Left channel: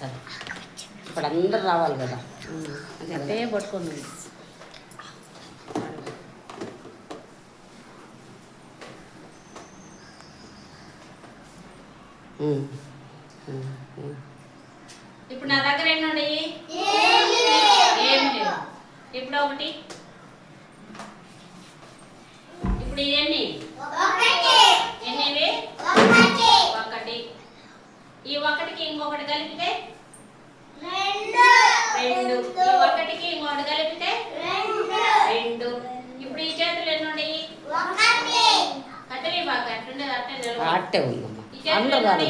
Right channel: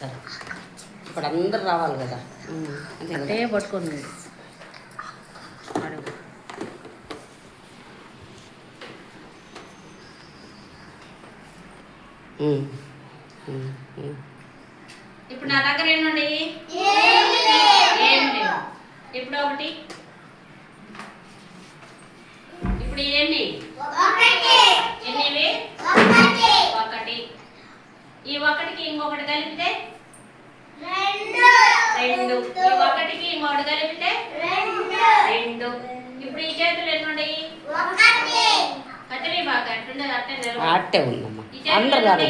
సరే ఇప్పుడు అందరు రావాలి కదా అంటే పట్టుకుంది. ఇప్పుడు నా దగ్గర ఎన్ని ఏం లేవు. ఇప్పుడు ఒకటి, ఇప్పుడు ఎన్ని ఎన్నివి? ఒకటి. ఈ ఒకటికి ఇంకొకటి కలిపితే రెండు. ఈ ఒకటికి ఇంకొకటి కలిపితే రెండు. ఇప్పుడు ఈ చేతులు ఎన్ని ఉన్నాయి? కట్టెలి బాగా అట్టుండే అట్టే అట్టే ఉందమ్మా. ఈ చేతులు అందరు ఎన్ని? రావాలి.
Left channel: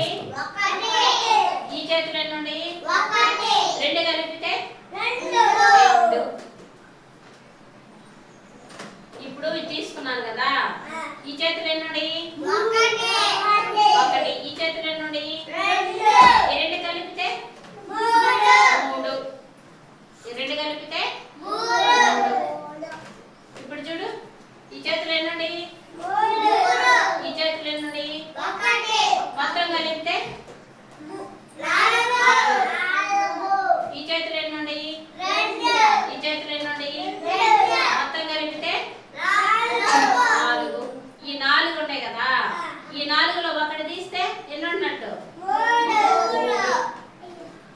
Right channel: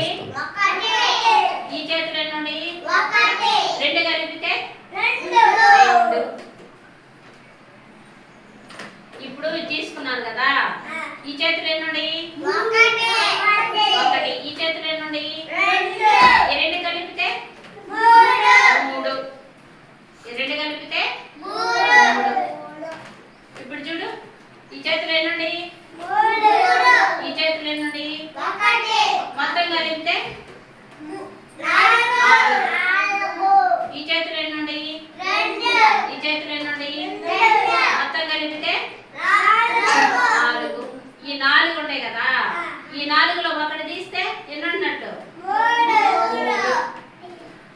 ఈ చేతులు ఎన్ని ఉన్నాయి? రెండు కలిపితే రెండు. ఇప్పుడు ఇది తీసుకున్నాను కదా, ఈ చేతులు ఎన్ని ఉన్నాయి? ఒకటి. ఈ చేతులు ఎన్ని ఉన్నాయి? ఈ రెండు కలిపితే మూడు. ఈ రెండు కలిపితే మూడు. ఇప్పుడు చూడు, ఈ చేతులు ఎన్ని ఉన్నాయి? ఈ చేతులు ఎన్ని ఉన్నాయి? మొత్తం కలిపితే ఈ చేతులు ఎన్ని ఉన్నాయి? ఈ చేతులు ఎన్ని ఉన్నాయి? మొత్తం కలిపితే నాలుగు. ఈ నాలుగు ఉంటాయి కదా, ఈ నాలుగులో ఒకటి తీస్తే ఎన్ని ఉన్నట్టు? మూడు.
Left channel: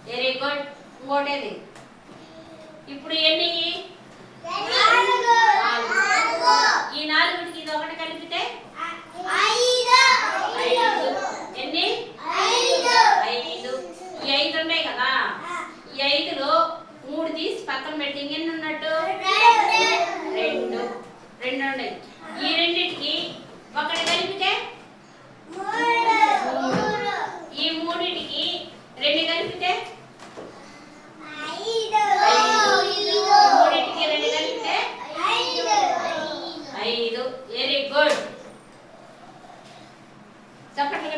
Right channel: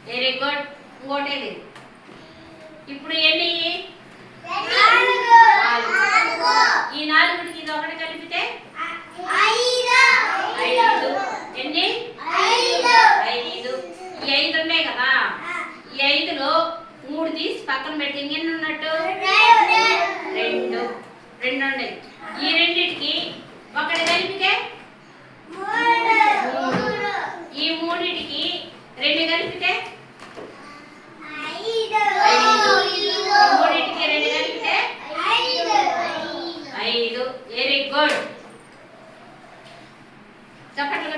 Very good. ఇంకోటేది. ఇప్పుడు ఎన్ని? నాలుగు. ఈ నాలుగుకి ఇది ఒకటి కలిపితే ఐదు. ఎన్ని? ఐదు. ఈ ఐదు ఉన్నాయి కదా, ఈ ఐదులో మూడు తీసి పక్కన పెట్టి ఇంకెన్ని ఉన్నట్టు? రెండు. రెండు ఉన్నాయి. ఈ రెండింటికి ఒకటి కలిపితే మూడు. ఈ మూడింటికి రెండు కలిపితే ఐదు. ఈ మూడింటికి రెండు కలిపితే ఐదు. Very good. చప్పట్లు